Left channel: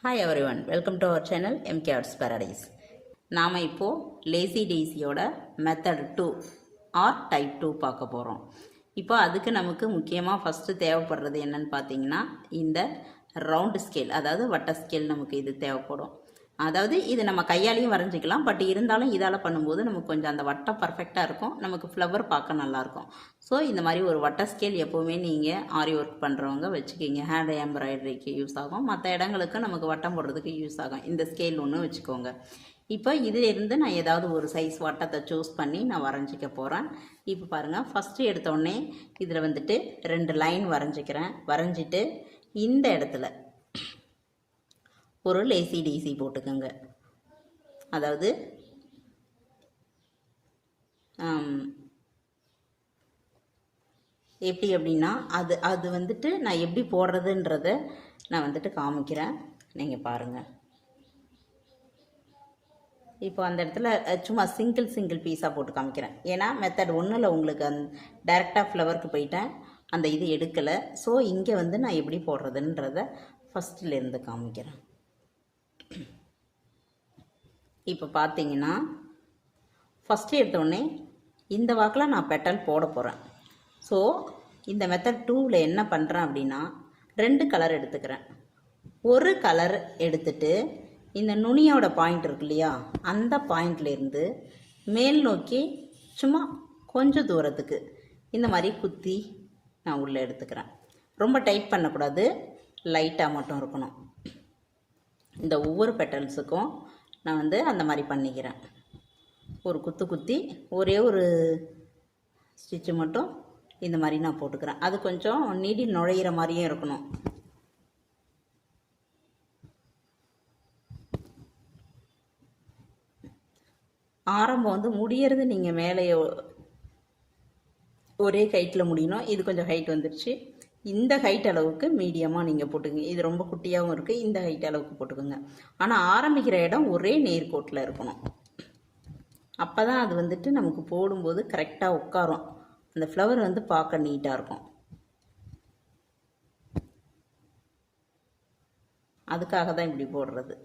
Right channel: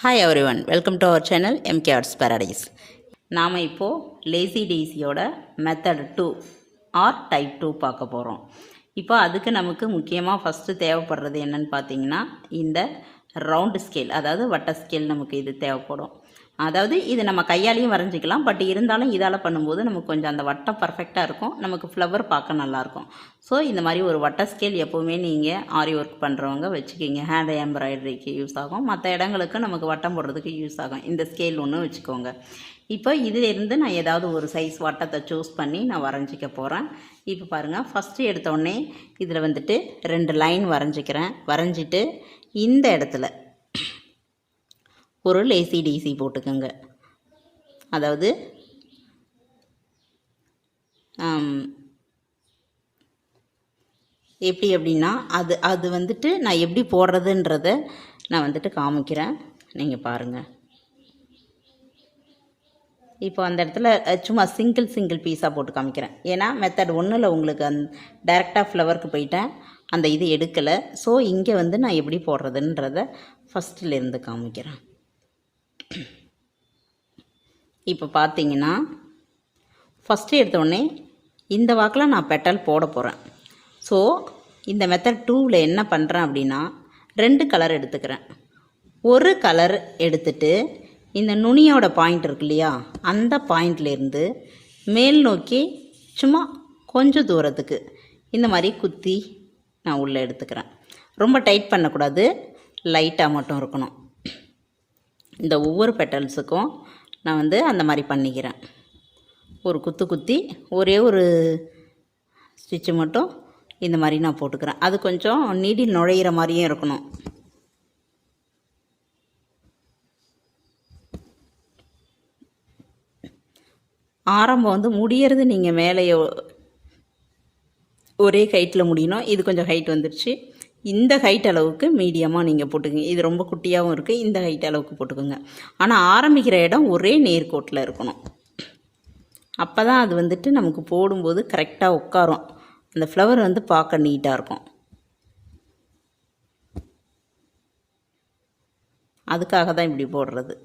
Hi everyone, welcome to our channel MK Arts Paradise. நாம் இப்போது lazy டெய்ஸியோட method 2 or type 2 பார்க்க போகிறோம். இப்போ அதுக்கு நமக்கு முக்கியமாக ஃபஸ்ட்டு தேவைப்படுறது என்னன்னு பார்த்தீங்கன்னா, இந்த ரவுண்டு ஸ்கேல், அதாவது வட்ட ஸ்கேல் நமக்கு இது தேவைப்படும். அதாவது இது நம்ம கையாலையும் வரைஞ்சிக்கலாம், பட் இருந்தாலும் இதால் பண்ணும்போது நமக்கு கொஞ்சம் அந்த வட்டம் பர்ஃபெக்டாக இருக்கும், நமக்கு ஃப்ளவர் பார்க்க நல்லாயிருக்கும். ஸோ இந்த மாதிரி ஒரு வட்ட ஸ்கேல் எப்போவுமே நீங்கள் ஆரி ஒர்க் பண்ணுறவங்க வச்சுக்கிங்க. ஹேண்ட் எம்ப்ராய்டரிக்கு யூஸ் ஆகும், மற்ற இடங்களுக்கு நமக்கு வட்டம் போடுறதுக்கு யூஸ் ஆகும். இந்த ஸ்கேல் ஒன்று வச்சுக்கோங்க. இப்போ இதிலேருந்து நான் ஏதாவது ஒரு சைஸ் வட்டத்தை சூஸ் பண்ணி நான் வரைஞ்சிக்க போகிறேன். இப்போ பாருங்கள், ஃபஸ்ட்டு எடுத்தோடனே இதில் வந்துட்டு 2 லைன் வரைஞ்சிக்கிறேன். வரைஞ்சிட்டு இந்த இடத்துல ஒரு லேசி டீசி போட்டுக்கோங்க. அதாவது எப்படி அப்படின்னா அது வந்துட்டு நான் எப்படி போடுறதுன்றத நான் வந்துட்டு காமிக்கிறேன், நீங்கள் பாருங்கள். இப்போ அந்த இடத்துல சும்மா சிங்கிள் பீஸாக போட்டு காமிக்கிறேன். ஏன்னா மெத்தட் 1ல் உங்களுக்கு டைரெக்டாக ஃப்ளவருக்கு போயிட்டேன், அந்த இது எடுக்கலை. ஸோ இங்கே வந்து நான் எப்படி போடுறதுன்றத ஃபஸ்ட்டிலேருந்து காமிக்கிறேன். இப்போ பார்த்தீங்கன்னா ஃபஸ்ட்டு எடுத்தோடனே இந்த வாக்கில் நான் பெட்டல் போட போகிறேன். ஸோ இந்த மெத்தட் 2ல் என்ன பண்ணுறேன் அப்படின்னா, 2 கலர் எடுத்துக்கிறேன். ஒரு கலர் எடுத்துட்டு இந்த நுனியோட பாயிண்ட் இருக்கு இல்லையா, அந்த பாயிண்ட்லேருந்து மேல் நோக்கி சும்மா கொஞ்சம் தூரத்துக்கு இந்த மாதிரி குத்தி நான் உள்ளே எடுத்துக்கிறேன். ரொம்ப டைட் பண்ணக்கூடாது, லைட்டாக மட்டும் இருக்கணும். இந்த ஒவ்வொரு பெட்டல்ஸுக்கும் நான் வந்து அந்த மாதிரி பண்ணிக்கிறேன். ஒரு குத்தி ஒரே ஒரு ஸ்டிச்சு மட்டும் இந்த மாதிரி நான் போட்டுக்கிறேன். அது கொஞ்சம் நீடில் நுழையிற மாதிரியும் இருக்கணும். ஆரம்பம் வந்து முடியறது நீங்கள் மேலேயோ ஒரே ஹைட்டில் முடியணும். இது கொஞ்சம் ஹைட் வந்துடுச்சு. இந்த ஹைட் அளவுக்கு மீடியமாக நீங்கள் போட்டுக்கோங்க. இது ரொம்ப குட்டியாகவும் இருக்குது, இந்த ஹைட் அளவுக்கு போட்டுக்கோங்க. ஆனால் ஆரம்பிக்கிற இடம் ஒரே நேர்கோட்டில் இருக்கணும். அப்போ தான் அது வந்துட்டு நமக்கு போடும்போது கரெக்டாக உட்காரும். அந்த ஃப்ளவர் வந்து பார்க்க நீட்டாக இருக்கும். அதுக்காக தான் இப்படி போடுறது.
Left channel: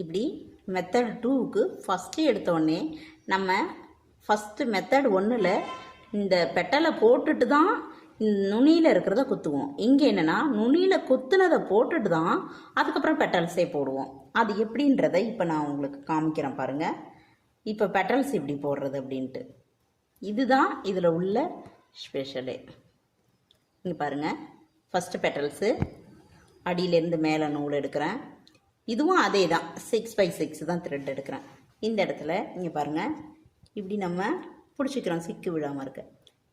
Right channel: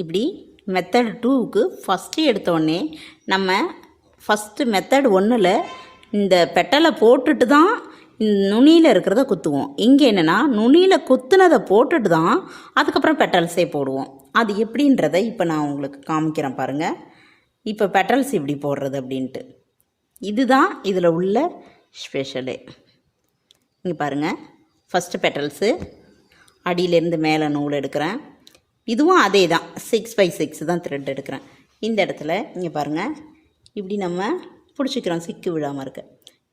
இப்படி மெத்தட் 2க்கு ஃபஸ்ட்டு எடுத்தோடனே நம்ம ஃபஸ்ட்டு மெத்தட் 1ல் இந்த பெட்டலை போட்டுட்டு தான் நுனியில் இருக்கிறத குத்துவோம். இங்கே என்னென்னா நுனியில் குத்துனதை போட்டுட்டு தான் அதுக்கப்புறம் பெட்டல்ஸே போடுவோம். அது எப்படின்றத இப்போ நான் உங்களுக்கு காமிக்கிறேன் பாருங்கள். இப்போ பெட்டல்ஸ் இப்படி போடுறது அப்படின்ட்டு இதுதான் இதில் உள்ள ஸ்பெஷலே. இங்கே பாருங்கள், ஃபஸ்ட்டு பெட்டல்ஸு அடியிலேருந்து மேலே நூல் எடுக்கிறேன். இதுவும் அதே தான், 6x6 தான் த்ரெட் எடுக்கிறேன். இந்த இடத்துல இங்கே பாருங்கள், இப்படி நம்ம பிடிச்சிக்கிறோம் சிக்கு விடாமல் இருக்க.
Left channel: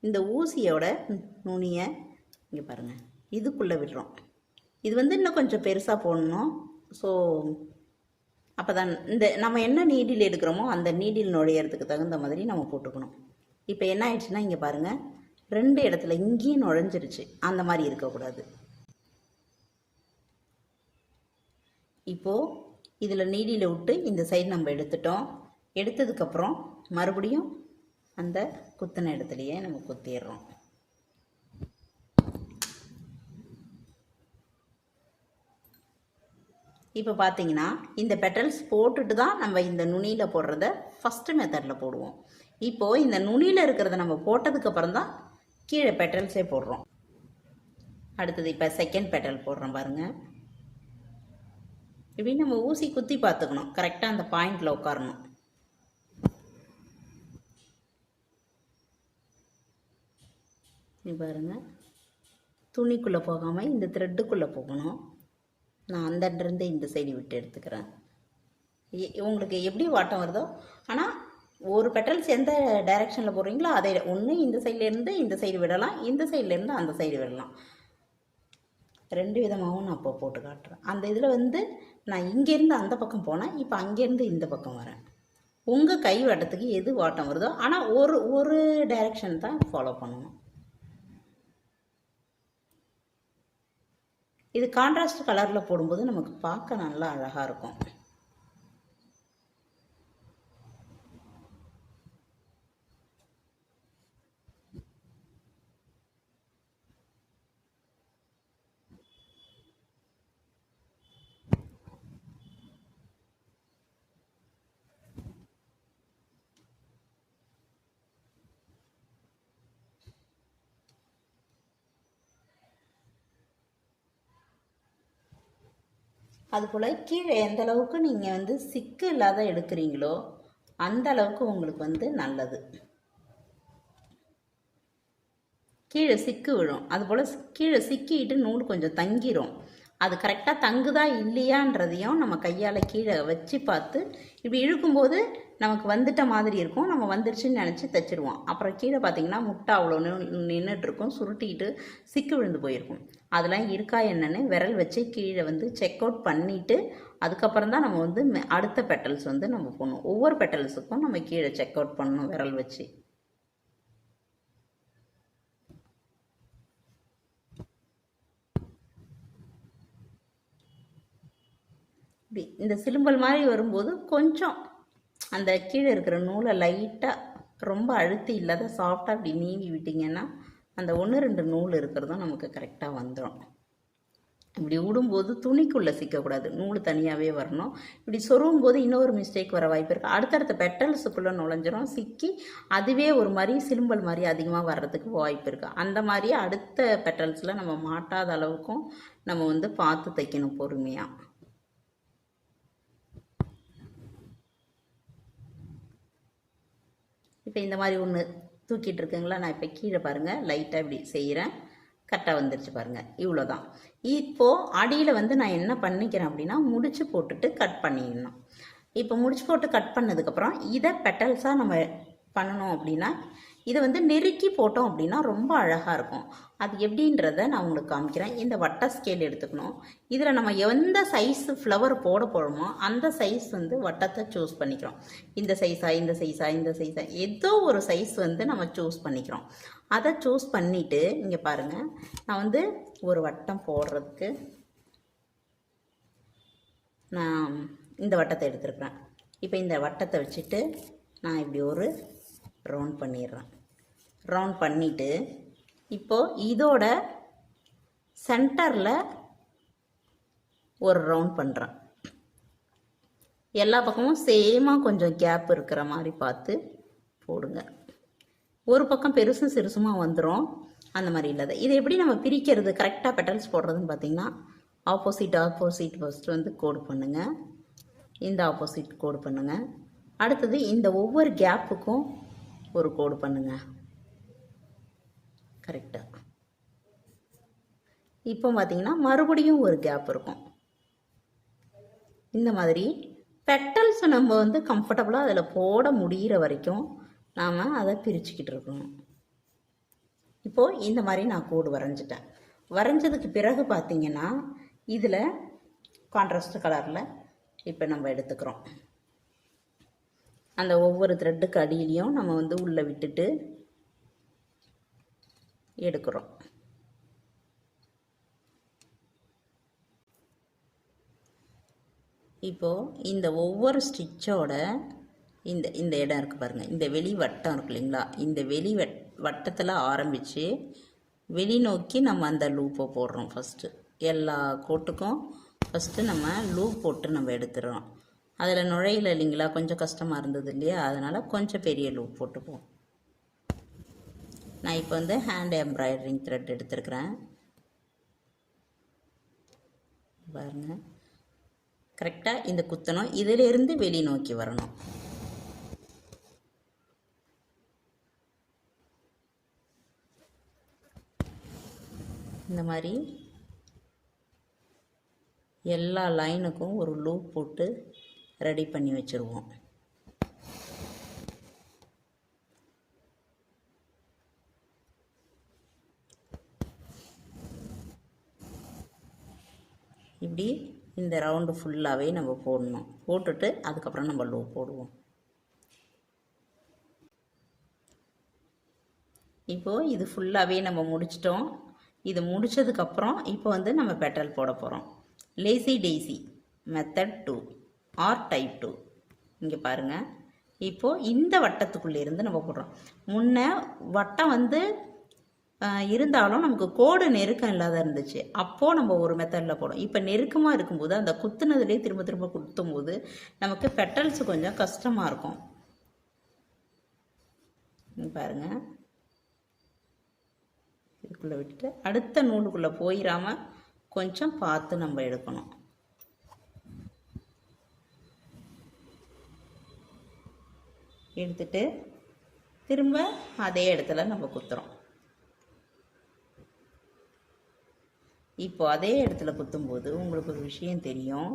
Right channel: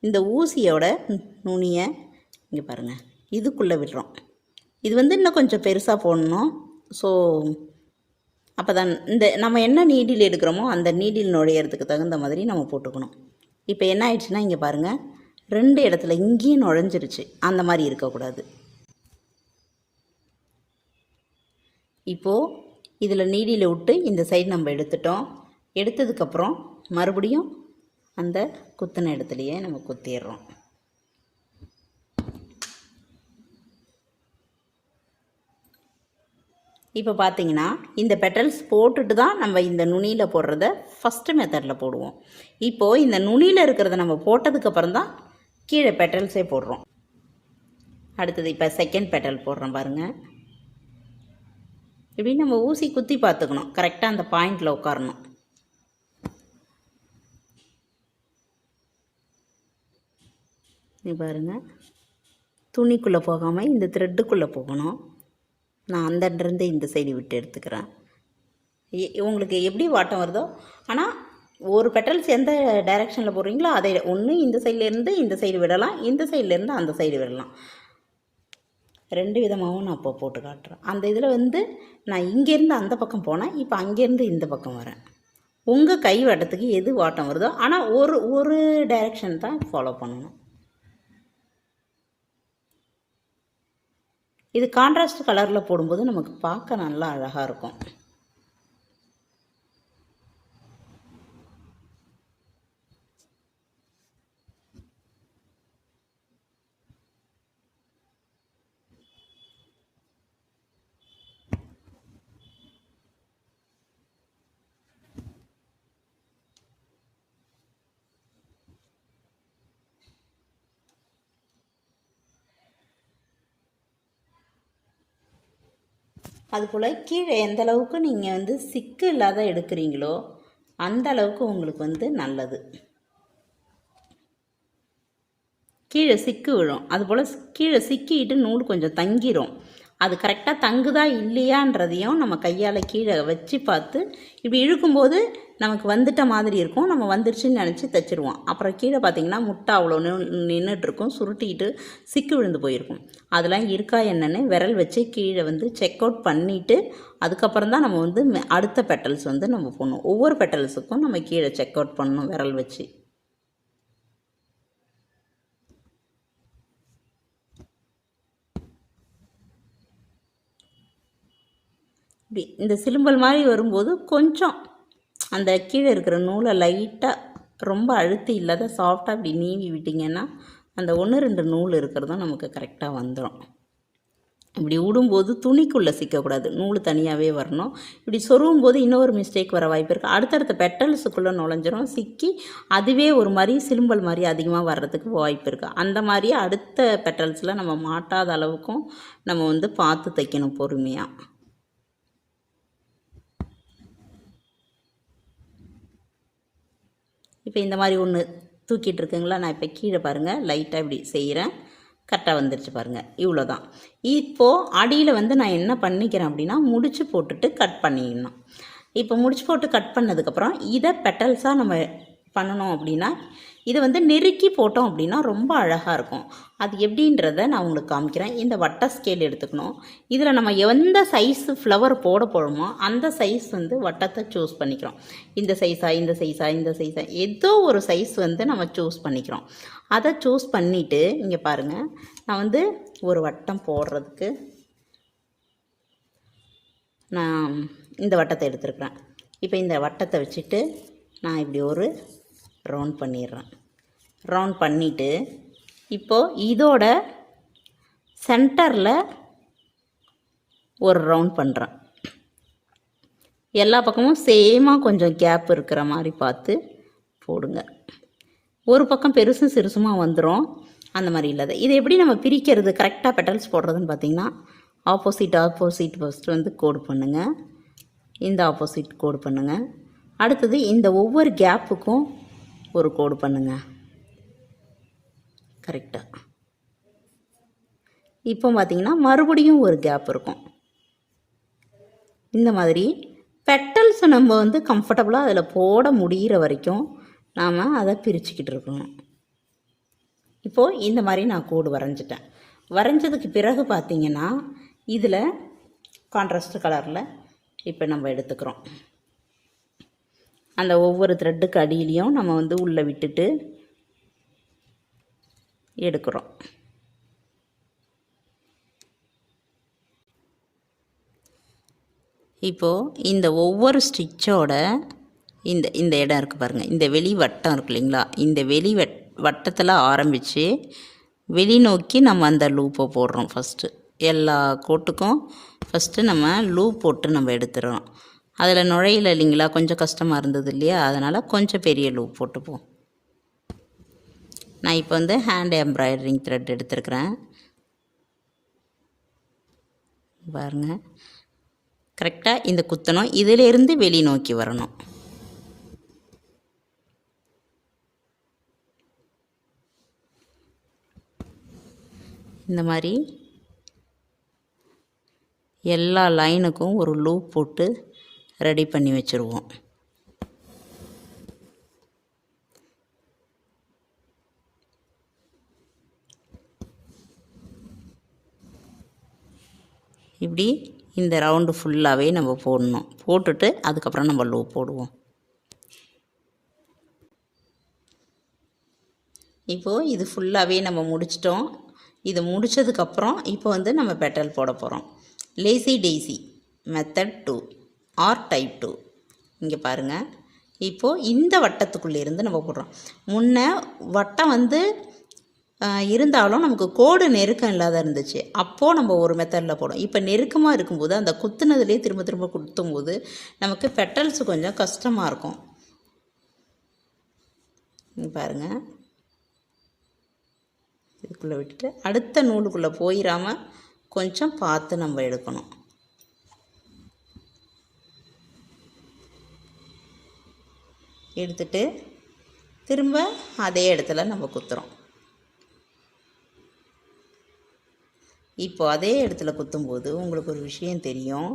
இந்த ஊசியோட நுனியை இங்கே பாருங்கள் இதுக்குள்ளே விடுறோம். இது வந்து இன்னும் கொஞ்சம் பெருசாக போடணும். ஸோ அப்போ தான் இந்த நம்ம என்ன நீடில் எடுக்கிறோமோ அந்த நீடில் நுழையிறதுக்கு தகுந்த மாதிரி நம்ம போட்டுக்கணும். இப்போ என்ன ஆயிடுச்சுன்னா இங்கே பாருங்கள், 2 இடத்துல இங்கேயும் நுழைஞ்சிருச்சு. அந்த மாதிரி இருக்கக்கூடாது. இப்போது இதில் நீடியில் விட்டு இந்த சைடு நம்ம எடுத்துட்டோம். எடுத்ததுக்கப்புறம் மறுபடியும் அந்த குத்தின இடத்துலையே நம்ம குத்திடுறோம். இப்போ பார்த்தீங்கன்னா இந்த பெட்டல்ஸ் போட்டுட்டு தான் நம்ம இந்த நுனியில் போடுறத ஃபஸ்ட்டு மெத்தடில் போடுவோம். இப்போது இந்த நுனியில் இருக்கிறத நம்ம போட்டதுக்கப்புறம் தான் கீழே பெட்டல்ஸே போடுறோம். அடுத்தது இப்போ செகண்ட் பெட்டல் போடுறோம் பாருங்கள். இப்படி நம்ம ஊசி குத்தி பார்த்துக்கணும், கரெக்டாக அந்த பாயிண்டில் உட்காரணும். நீ பாருங்கள், துணிக்குள்ளே போகாமல் இந்த த்ரெட்டுக்குள்ளே போகணும். நான் அந்த இருந்து இந்த சைடு விட்டு எடுத்துக்கிறேன். உங்களுக்கு எப்படி வாட்டம் வருதோ, ஆனால் ஒரு பெட்டல்ஸ் எந்த டைரெக்ஷனில் போடுறீங்களோ அதை ஒன்று இந்த சைட்லேருந்து இந்த சைடு விடலாம், இந்த சைட்லேருந்து அந்த சைடு விடலாம். 2 விதமாகவும் நான் இப்போ போட்டு காட்டுறேன். அந்த இதில் வந்து நான் இங்கேருந்து அந்த பக்கம் போனேன், இப்போ அங்கேருந்து இந்த பக்கம் வரேன். உங்கள் கை வட்டத்துக்கு எது வாட்டம் வருதோ, ஆனால் ஒரு டைரெக்ஷன் தான் ஃபாலோ பண்ணணும். இது கான்ட்ராஸ்ட் கலரில் போடும்போது நமக்கு பார்க்க நல்லா அழகாக இருக்கும். அதுபோல் கீழே எந்த அளவுக்கு நீங்கள் வந்து சிக்கு இல்லாத எடுக்கிறீங்களோ அந்த அளவுக்கு உங்களுக்கு வந்து நல்லது. கீழே சிக்கு விழும், அதுபோல் கீழே சிக்கிட்டு நூல் கொஞ்சம் தங்கிரும். அது கரெக்டாக தங்குதா இல்லையான்றதையும் நம்ம கையால் கீழே வச்சு பார்த்து இப்படி இழுக்கும்போது நமக்கு வந்துட்ட மாதிரி இருக்கும். நம்ம வந்துருச்சுன்னு நினச்சி தைச்சிருவோம். அப்புறம் கீழே பார்த்திங்கன்னா முட்டை அவ்வளோ நின்றுட்டுருக்கும், சுருட்டிட்டு சிக்கு விழுந்து போயிருக்கும். அதெல்லாம் இருக்கா என்னன்னு விரல் வச்சு கீழே வந்து செக் அவுட் பண்ணிவிட்டு அதுக்கப்புறம் தான் நம்ம வந்து அடுத்த பெட்டல்ஸ் வந்து நம்ம போடணும். ஒவ்வொரு பெட்டல்ஸுக்கும் நம்ம கீழே செக் அவுட் பண்ணணும் விரல் வச்சு. இப்படி இந்த சிலும்பல் மாதிரி வரும்போது கொஞ்சம் அந்த கீழே இருக்கிற நூலை லைட்டாக ரொம்ப அழுத்தி இல்லாத சாஃப்டாக இப்படி நீவி விட்டிங்கன்னா அந்த 1-2 நூல் இருக்கிறதும் நமக்கு கரெக்டாக வந்துடும். இப்படி விடும்போது துணிக்குள்ளே சிக்கக்கூடாது, நூல் தனியாகவே வரணும். இப்படி சொருவும் போது இன்னொரு மிஸ்டேக் வர வாய்ப்பு இருக்குது. அடுத்தடுத்த பெட்டல்ஸுக்குள்ளே நுழைஞ்சிரும், சிக்கி அதுவே ஒரு மாதிரி சிலும்பல் மாதிரி அதிகமாக வர்றதுக்கு வாய்ப்பு இருக்குது. அந்த மாதிரி அடுத்த பெட்டல்ஸில் நம்ம மாட்டாத அளவுக்கும் நம்ம வந்து பார்த்து தைக்கணும் பொறுமையாக. இப்போ இந்த மாதிரி ஒன்று தூக்கிட்டு இருக்குங்களா, நான் இப்போ கீழே பாருங்கள் லைட்டாக இப்படி செய்கிறேன், கரெக்டாக வந்துருச்சு பாருங்கள். இவ்வளோ தான். இப்போது அடியில் வந்து நான் என்ன பண்ணிக்கிறேன் அப்படின்னா முடிச்சு போட்டுட்டு கட் பண்ணிடணும். இப்போ முடிச்சு போட்டு கட் பண்ணதுக்கப்புறம் இதை பெட்டல்ஸாக நம்ம பண்ணணும் அப்படின்னா இதை வந்து நெருக்கி போட்டோம் அப்படின்னா ரொம்ப அழகாக இருக்கும். அது எப்படின்றத நான் உங்களுக்கு காமிக்கிறேன். இந்த வட்ட ஸ்கேல் எடுத்துக்கணும். இதில் நம்ம எந்த சைஸு ஃப்ளவர் போட போகிறோமோ அந்த சைஸ் வந்து வட்டத்தை சூஸ் பண்ணிக்கிறோம். இந்த சைஸா இந்த சைஸா இந்த சைஸா ஏதோ ஒரு சைஸ் வந்து நம்ம சூஸ் பண்ணிக்கிறோம். அதை சூஸ் பண்ணிவிட்டு இங்கே பாருங்கள், நான் வந்து ஒரு வட்டம் போடுறதுக்கு நான் இந்த வட்டத்தை எடுத்துருக்குறேன். இப்போ இந்த வட்டத்தை வச்சுட்டு நான் இப்படி ஒரு ரவுண்ட் பண்ணிடுறேன். ரவுண்ட் பண்ணிவிட்டு இப்போது இதோட சென்டரில் ஒரு ரவுண்ட் பண்ணுறேன். எல்லா பக்கமும் சேமாக கொஞ்சம் கேப் இருக்கிற மாதிரி பார்த்து போடுங்க. ஒரு பக்கம் பெருசும் சிறுசுமாக வந்துடும், அந்த மாதிரி இல்லாத. இதை எப்படி நம்ம பிரிக்கிறது கரெக்டாக பெட்டல்ஸ் போடுறதுன்னு பார்த்திங்கன்னா ஆப்போசிட் ஃபஸ்ட்டு வந்து கோடு பண்ணுங்கள். இந்த ஆப்போசிட் கோடு பண்ணுங்கள். அடுத்தது இந்த ஒவ்வொரு கேப்புக்கும் ஒரு கோடு பண்ணுங்கள் கரெக்டாக. இப்போ பார்த்திங்கன்னா மறுபடியும் ஒரு கேப் இருக்கும். இந்த மாதிரி பெட்டல்ஸ் நம்ம வந்து கம்ஃபர்டபுளாக அதில் போட முடிகிற வரைக்கும் நாம் அதை பிரிச்சுக்கிட்டு இருக்கணும். இப்போது இந்த மாதிரி நான் கோடு வரைஞ்சிட்டேன். வரைஞ்சதுக்கு பிறகு பார்த்திங்கன்னா இதில் கான்ட்ராஸ்ட் கலரில் இப்போ நம்ம எடுத்துக்கிறோம். அந்த ஒவ்வொரு த்ரெட்டுக்கு அடியிலையும் நம்ம வந்து உள்ளே விட்டுட்டு எடுக்கிறோம். இப்போது இந்த ஒவ்வொரு ஸ்டிச்சோட இந்த இந்த இடம் இருக்குது பாருங்கள், இந்த வெளி வட்டம் இருக்கு இல்லைங்களா, இந்த வெளி வட்டத்தில் ஆரம்பித்து வெளிநோக்கி நம்ம அந்த லூப்பை போடுறோம். ஃபஸ்ட்டு எல்லா கோட்டுக்கும் ஃபஸ்ட்டு நம்ம லூப் போட்டு நம்ம எடுத்துடுறோம். அதில் நுழையில இல்லைங்களா, கொஞ்சம் கஷ்டமாக இருந்தது இல்லையா, அதனால் கொஞ்சம் பெரிய லூப் போட்டுப்போம். நான் இப்போ வந்து ஹேண்ட் எம்ப்ராய்டரிங் த்ரெட் எடுத்துருக்கிறேன் பாருங்கள். கரெக்டாக இந்த குத்தணும், இதிலேருந்து வெளி நோக்கி வரணும். இந்த மாதிரி எல்லா லைனுக்கும் ஒரு லூப் போட்டு ரெடி பண்ணி வச்சுருவோம். இப்படி இந்த ரவுண்டு ஃபுல்லாகவே நம்ம போடணும். போட்டுட்டு அதுக்கப்புறம் நம்ம லூப் போடுவோம். இப்போது இது ஃபுல்லாகவே நம்ம முடிச்சிட்டோம். இது முடித்ததுக்கப்புறம் இப்போ வந்து நம்ம பெட்டல் போட போகிறோம். Lazy daisy method 2 or type 2. இங்கே பாருங்கள், இப்போது இந்த வட்டத்துக்குள்ளேருந்து நம்ம போடுறோம். முன்ன வட்டம் வந்து இருந்தாலும் நமக்கு கோடு நெருக்கம் இல்லாத இருந்துச்சு, அப்போது நம்ம ஒரு மெத்தடில் போடும். இப்போ நெருக்கமாக இருக்கும்போது அந்த குத்துனதுலேயே திரும்ப திரும்ப குத்தும்போது நமக்கு பெட்டல்ஸ் கொஞ்சம் கஷ்டமாக இருக்கும். பாருங்கள், இதுக்குள்ளே விட்டுட்டு அடுத்த நூலுக்குள்ளே போயிடாமல் கொஞ்சம் பார்த்து நம்ம எடுக்கணும். எடுத்துட்டு திரும்ப அதே இடத்துல நம்ம குத்துறோம். இப்போ அதே இடத்துல குத்தும்போது உங்களுக்கு ஒரு விஷயம் தெரியும்.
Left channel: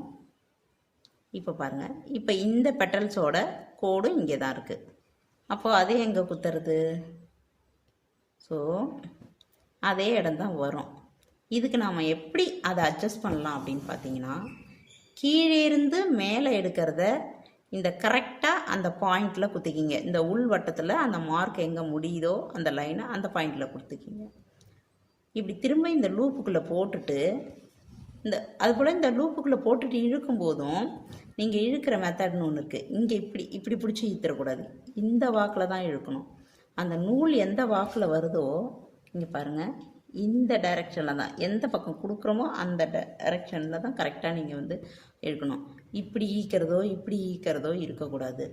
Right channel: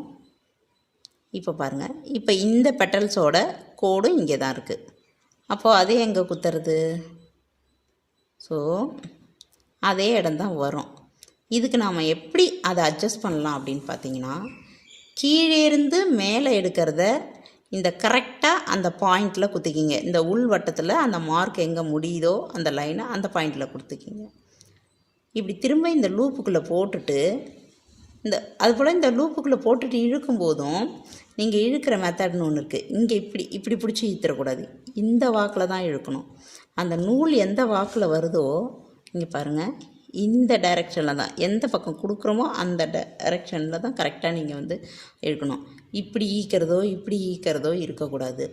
இப்போ பாருங்கள், இப்போ இந்த பெட்டல்ஸோட கோடு இங்கே தான் இருக்குது. அப்போது அதே எங்கே குத்துறது? ஸோ அதே இடம் தான் வரும். இதுக்கு நாம் எப்படி அதை அட்ஜஸ்ட் பண்ணலாம் அப்படின்னு பார்த்தீங்கன்னா, கீழே இருந்து மேலே எடுக்கிறத இந்த கரெக்டாக அந்த பாயிண்டில் குத்திக்கிங்க. இந்த உள் வட்டத்தில் அந்த மார்க் எங்கே முடியுதோ அந்த லைனை அந்த பாயிண்டில் கொடுத்துக்கிங்க. இப்படி திரும்ப இந்த லூப்புக்குள்ளே போட்டுட்டு அதுபோல் இந்த லூப்புக்குள்ளே போட்டுட்டு இழுக்கும்போதும் நீங்கள் இழுக்கிற மெத்தட்னு ஒன்று இருக்குது. இங்கே இப்படி பிடிச்சி இழுத்துறக்கூடாது, இந்த வாக்கில் தான் இழுக்கணும். அந்த நூல் எந்த வாக்கில் வருதோ இங்கே பாருங்கள், இந்த டைரெக்ஷனில் தான், எந்த பக்கம் கொடுக்குறோமோ அந்த டைரெக்ஷனில் தான் கரெக்டாக நீங்கள் வந்து இழுக்கணும். இப்படி ஈக்கிறதோ இருக்கக்கூடாது.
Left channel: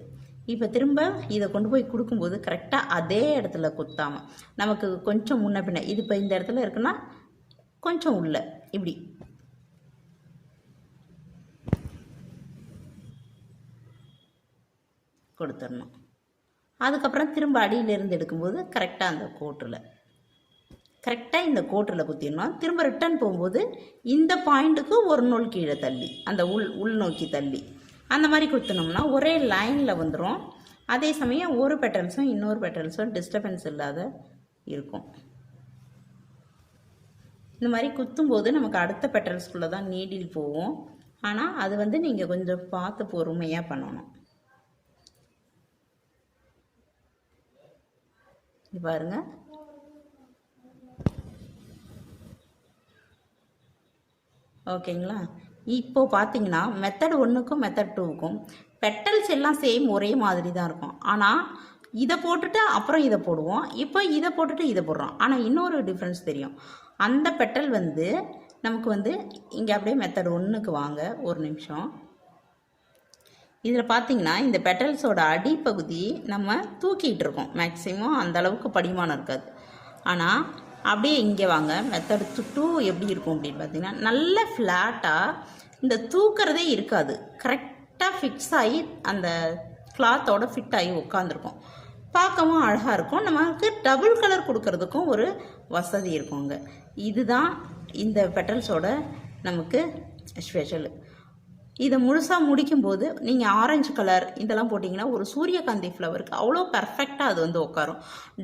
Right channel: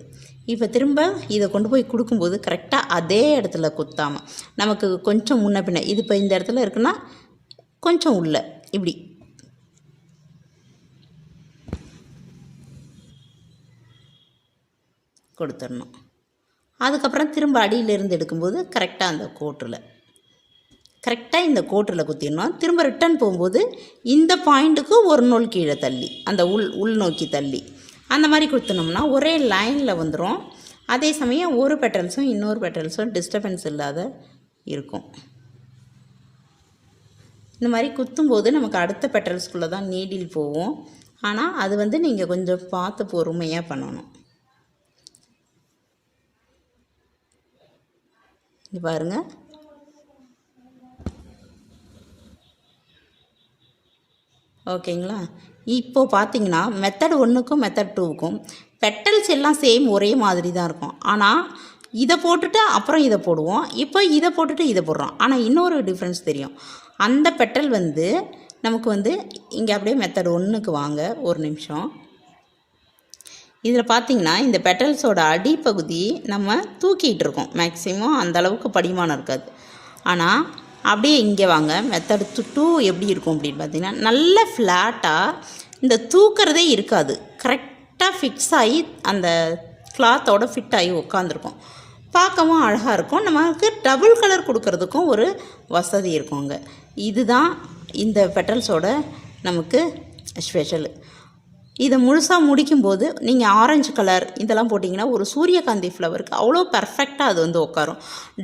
இப்போ திரும்ப இதை கொண்டு போய் கொடுக்கும்போது கரெக்டாக அதே இடத்துல குத்தாமல் நமக்கு கொஞ்சம் முன்ன பின்ன, இது இப்போ இந்த இடத்துல இருக்குன்னா கொஞ்சம் உள்ள இப்படி கொடுத்துடணும். அதுக்கப்புறம் திரும்ப அடியிலேருந்து எடுக்கும்போது கரெக்டாக அந்த இந்த கோட்டில் குத்திடணும். திரும்ப ரிட்டன் போகும்போது இந்த பாயிண்ட்டுக்கு ஒரு நூல் கீழே தள்ளி அந்த உள் நோக்கி தள்ளி அந்த மாதிரி குத்தினோம்னா ஒரே லைனில் வந்துடும். அதே சமயம் ஒரு பெட்டல்ஸும் இன்னொரு பெட்டல்ஸும் டிஸ்டர்பன்ஸ் இல்லாத இருக்கும். இந்த மாதிரி குத்தும்போது நமக்கு அடுத்த பெட்டல்ஸ்குள்ளே தான் நீடில் போகும். ஆனால் அது வந்து நீங்கள் கொஞ்சம் பார்த்து பொறுமையாக பண்ணணும். இங்கே பாருங்கள், ஓகேங்களா? இப்போது பார்த்தீங்கன்னா மெத்தட் 1க்கும் மெத்தட் 2க்கும் பெட்டல்ஸ் எல்லாம் சேம் ஒரே மாதிரி தான் இருக்கும். ஆனால் இதை போட்டுட்டு அப்புறம் இதை போடுவோம், இப்போ இதை போட்டுட்டு இதை போடுறோம். ஆனால் இன்னொரு டிஃப்ரென்ஸ் தெரியும். அந்த பெட்டல் வந்து நமக்கு வந்து இங்கே அப்படியே மெத்தட் 1க்கு வாங்க ஒரு நிமிஷம். இதில் பார்த்திங்கன்னா இந்த பெட்டல்ஸோட அடிப்பகுதி நம்ம தூக்கிட்டு இருக்கோம். மேக்ஸிமம் அந்தளவுக்கு படிமானம் இருக்காது. ஆனால் அப்படியே இங்கே வாங்க, மெத்தட் 2 எப்படி இருக்கும் அப்படின்னு பார்த்தீங்கன்னா நல்ல ஃப்ளாட்டாக இந்த தூக்கிறதே இருக்காது. கரெக்டாக ஃபிக்ஸ் ஆகி அந்த கிளாத்தோட ஃபிட் ஆகி உட்காந்துருக்கும். பார்க்கவும் அழகாக இருக்கும். நமக்கு டபுள் கலர் கொடுக்கறதுக்கும் ஒரு வசதி இருக்குங்க. இதுதான் இந்த பெட்டல்ஸோட நமக்கு ஸ்பெஷலு. இதை முழுசாக முடிக்கும்போது நீங்கள் ஆரஞ்சு கலர் இதெல்லாம் போட்டிங்கன்னா ஒரு சூரியகாந்தி ஃப்ளவருக்கு அவ்வளோ பர்ஃபெக்டாக அது வந்து உட்காரும்.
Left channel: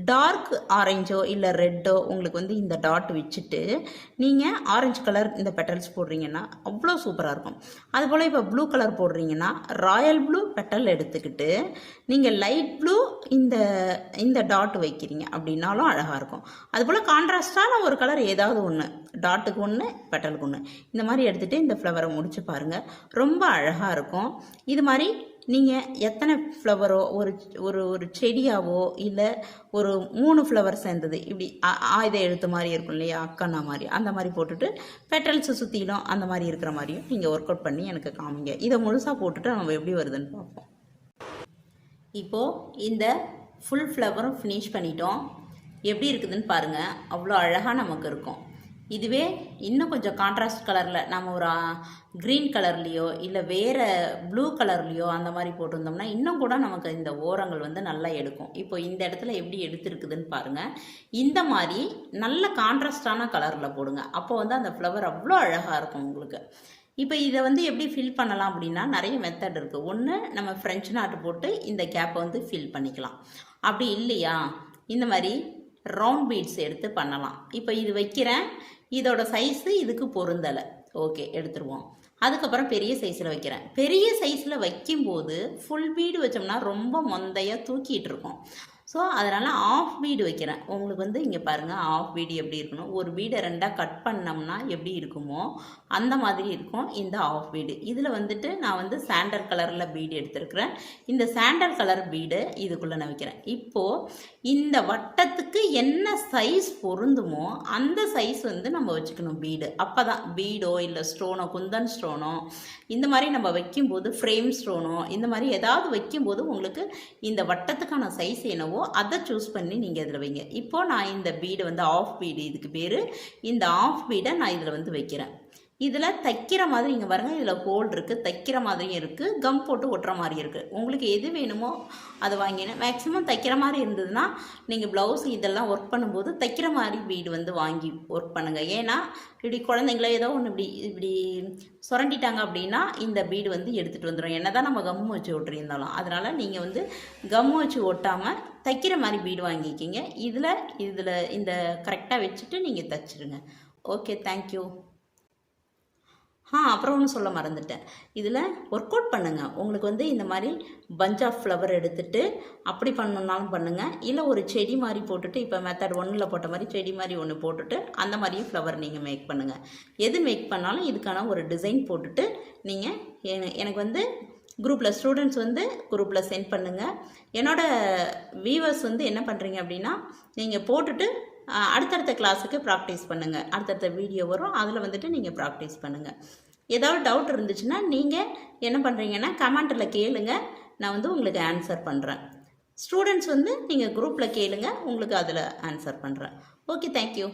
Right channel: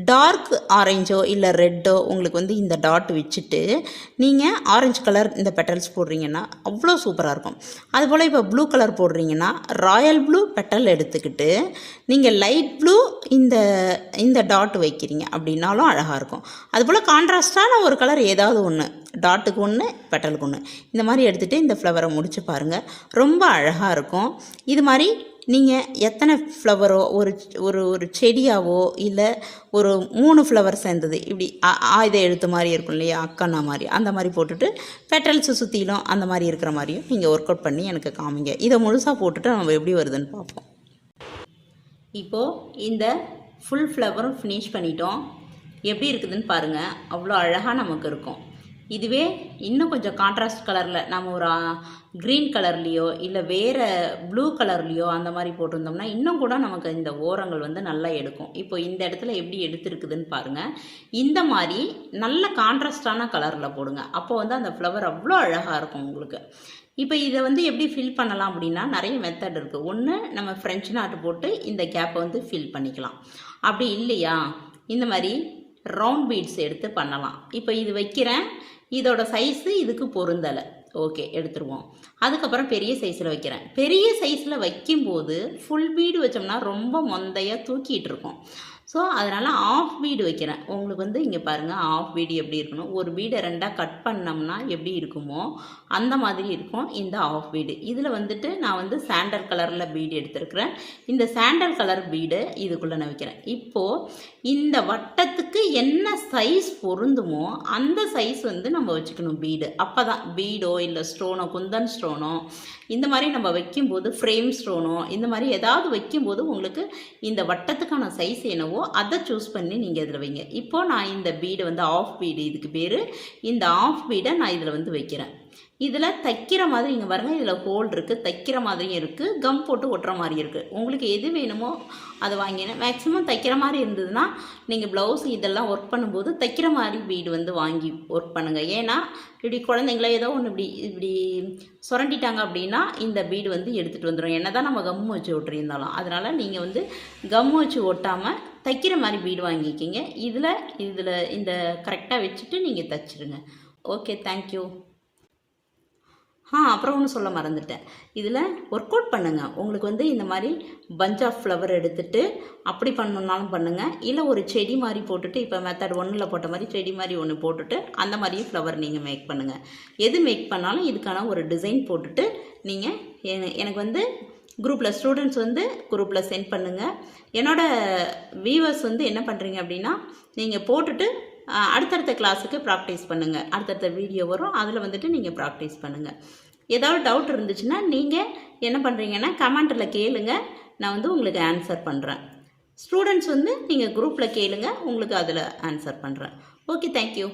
டார்க் ஆரஞ்சோ இல்லை ரெட்டோ உங்களுக்கு வந்து இந்த டாட் வச்சுட்டு நீங்கள் ஆரஞ்சு கலர் இந்த பெட்டல்ஸ் போடுறீங்கன்னா அவ்வளோ சூப்பராக இருக்கும். அதுபோல் இப்போ ப்ளூ கலர் போடுறீங்கன்னா ராயல் ப்ளூ பெட்டல் எடுத்துக்கிட்டு நீங்கள் லைட் ப்ளூ இந்த டாட் வைக்கிறீங்க அப்படின்னாலும் அழகாக இருக்கும். அதுபோல் கான்ட்ராஸ்டான ஒரு கலர் ஏதாவது ஒன்று, டாட்டுக்கு ஒன்று பெட்டலுக்கு ஒன்று, இந்த மாதிரி எடுத்துகிட்டு இந்த ஃப்ளவரை முடித்து பாருங்கள், ரொம்ப அழகாக இருக்கும். இது மாதிரி நீங்கள் எத்தனை ஃப்ளவரோ ஒரு செடியாவோ இல்லை ஒரு 3 ஃப்ளவர் சேர்ந்தது இப்படி ஆயுத எழுத்து மாதிரி இருக்கும் இல்லையா, அக்கண்ணா மாதிரி, அந்த மாதிரி போட்டுட்டு பெட்டல்ஸு சுற்றிலும் அந்த மாதிரி இருக்கிற மாதிரியும் நீங்கள் ஒர்க் அவுட் பண்ணி எனக்கு காமிங்க. இதை முழுசாக போட்டுட்டு நம்ம எப்படி வருதுன்னு பார்ப்போம். இப்போது இந்த ஃபுல் ஃப்ளவரும் ஃபினிஷ் பண்ணிட்டோம். எப்படி இருக்குதுன்னு பாருங்கள், அவ்வளோ அழகாக நமக்கு இருக்கும். இதுவே இன்னும் கொஞ்சம் கான்ட்ராஸ்ட் கலரில் நம்ம ஒரு க்ரீன் கலர்லேயோ இல்லை வேறு ப்ளூ கலர்லேயோ அந்த மாதிரி போட்டிருந்தோம்னா இன்னும் கூட நமக்கு இந்த ஓரங்கள் வந்து நல்லா எடுக்கும். இப்போ இந்த இடத்துல எப்படி எடுத்துருக்குதுன்னு பாருங்கள். இந்த மாதிரி நல்ல கான்ட்ராஸ்டான கலரில் போடுங்க. அப்போ வந்து அந்த ஃப்ளவர் அவ்வளோ அழகாக இருக்கும் உங்களுக்கு. இப்போ இதை வந்து எப்படி ஃபில் பண்ணலாம் அப்படின்னா நிறைய மெத்தட் இருக்குது. ஒன்று, நம்ம ஃப்ரெஞ்ச் நாட்டு போட்டு இந்த கேப்பை வந்து ஃபில் பண்ணிக்கலாம். அப்படி இல்லையா இந்த மாதிரி ரவுண்ட் பீட்ஸ் எடுத்து பண்ணலாம். இப்போ இது வைக்கிறேன், இதோட சைஸு இதுக்கு பொருந்தலை, ஓகே எடுத்துருவோம். அதுக்கப்புறம் பெரிய சைஸில் வைக்கிறேன். பெரிய சைஸில் வைக்கும்போது ஃபுல் பீடு வச்சோம்னா ரொம்ப மொந்தையாக தூக்கிட்டு இருக்கும். ஸோ அதனால் ஆஃப் பீடு வைக்கிறேன். உங்களுக்கு வந்து இங்கே பாருங்கள், ஆஃப் பீடு எப்படி இருக்கணும், ஒரு பீடை 2ஆக கட் பண்ணோம்னா எப்படி இருக்குமோ அந்த மாதிரி இருக்கும் இந்த ஆஃப் பீடு. இதில் வந்துட்டு நான் வந்து சாண்டல் கலரில் பீடு எடுத்துருக்கிறேன். இந்த சாண்டல் கலர் பீடு இதுக்குள்ளே நான் வைக்கிறேன். இப்போது இந்த வட்டத்துக்கு என்ன சைஸ் பொருந்துமோ அந்த சைஸ் வந்து நம்ம வச்சுக்கணும் பீடு. அப்போ தான் பீடோ இல்லை ஸ்டோனோ, குந்தன் ஸ்டோனோ இந்த மாதிரி நம்ம வைக்கும்போது, ஃப்ரேம் ஸ்டோனோ இந்த மாதிரி ஏதாவது வைக்கும்போது உங்களுக்கு இந்த வட்டத்துக்கான சைஸ் என்னவோ அதை சூஸ் பண்ணி நீங்கள் இதில் வைங்க. இப்போது நான் இந்த பீடு வந்து ஆஃப் பீடு, இதுக்கு பேர். இந்த ஆஃப் பீடை நான் இதில் வந்து வைக்கிறேன். இதில் தைக்கிற மாதிரி இங்கே பாருங்கள், இதில் ஹோல் இருக்குது, தைக்கிற மாதிரியும் இருக்குது, கம் போட்டு ஒட்டுற மாதிரி இருக்குது. உங்களுக்கு எது வேணுமோ அதை வாங்கினேன். மேக்ஸிமம் தைக்கிற மாதிரி இருந்ததுன்னா நீங்கள் ப்ளவுஸ் இதெல்லாம் ஒர்க் பண்ணும்போது தைக்கிற மாதிரி பீடு வந்து வாங்கி ஒர்க் பண்ணுங்கள். ஏன்னா இப்படி குழந்தைங்கள ஏதோ ஒன்று இப்படி சுரண்டிட்டாங்க அப்படின்னா இந்த பீடு வந்து எடுத்துகிட்டு வந்துடும், என்ன தான் நம்ம கம் வச்சு ஒட்டியிருந்தாலும். அதனால் நீங்கள் வந்து கம் வச்சு ஒட்டாமல் தைக்கிற மாதிரி பீடு வாங்கிக்கிங்க. இதில் இந்த கரெக்டாக வச்சுட்டு நீங்கள் தைச்சிருங்க. Okay, thank you. அப்புறம் ஒன்று சொல்ல மறந்துட்டேன். இதில் ஒர்க் அவுட் பண்ணுங்கள். உங்களுக்கு வந்து இந்த மாதிரி பஞ்ச் ஆஃப் ஃப்ளவர் எடுத்துகிட்டு அப்படி பண்ணணுன்னாலும் பண்ணுங்கள். இல்லை ஒரு செடி மாதிரி போட்டுட்டு, இப்போ மெத்தட் 1ல் போட்ட மாதிரி செடி மாதிரி ஒன்று போட்டுட்டு அந்த மாதிரியும் ஃப்ளவர் நீங்கள் மேக் பண்ணுங்கள். எது மேக் பண்ணாலும் இதுக்கான ஒரு டிசைன் போட்டுட்டு நீங்கள் எனக்கு வந்து குரூப்பில் ஸ்டூடெண்ட்ஸ் வந்து குரூப்பில் சென்ட் பண்ணுங்கள். என்னோடய வியூவர்ஸ் வந்து என்ன பண்ணுறீங்க அப்படின்னா, நீங்கள் போட்டுட்டு அடுத்தடுத்த கிளாஸுக்கு ப்ராக்டிஸ் பண்ணுங்கள். அடுத்தடுத்த வீடியோ வரும், அதில் வந்துட்டு நீங்கள் ப்ராக்டிஸ் பண்ணுங்கள். ஏதாவது டவுட் இருந்துச்சுன்னா நீங்கள் என்ன பண்ணுறீங்கன்னா கமெண்ட்டில் கேளுங்க, நான் வந்து உங்களுக்கு ஆன்சர் பண்ணுறேன். ஸ்டூடெண்ட்ஸ் வந்து நீங்கள் குரூப்பில் கேளுங்க, உங்களுக்கு அதில் ஆன்சர் பண்ணுறேன். Okay, thank you.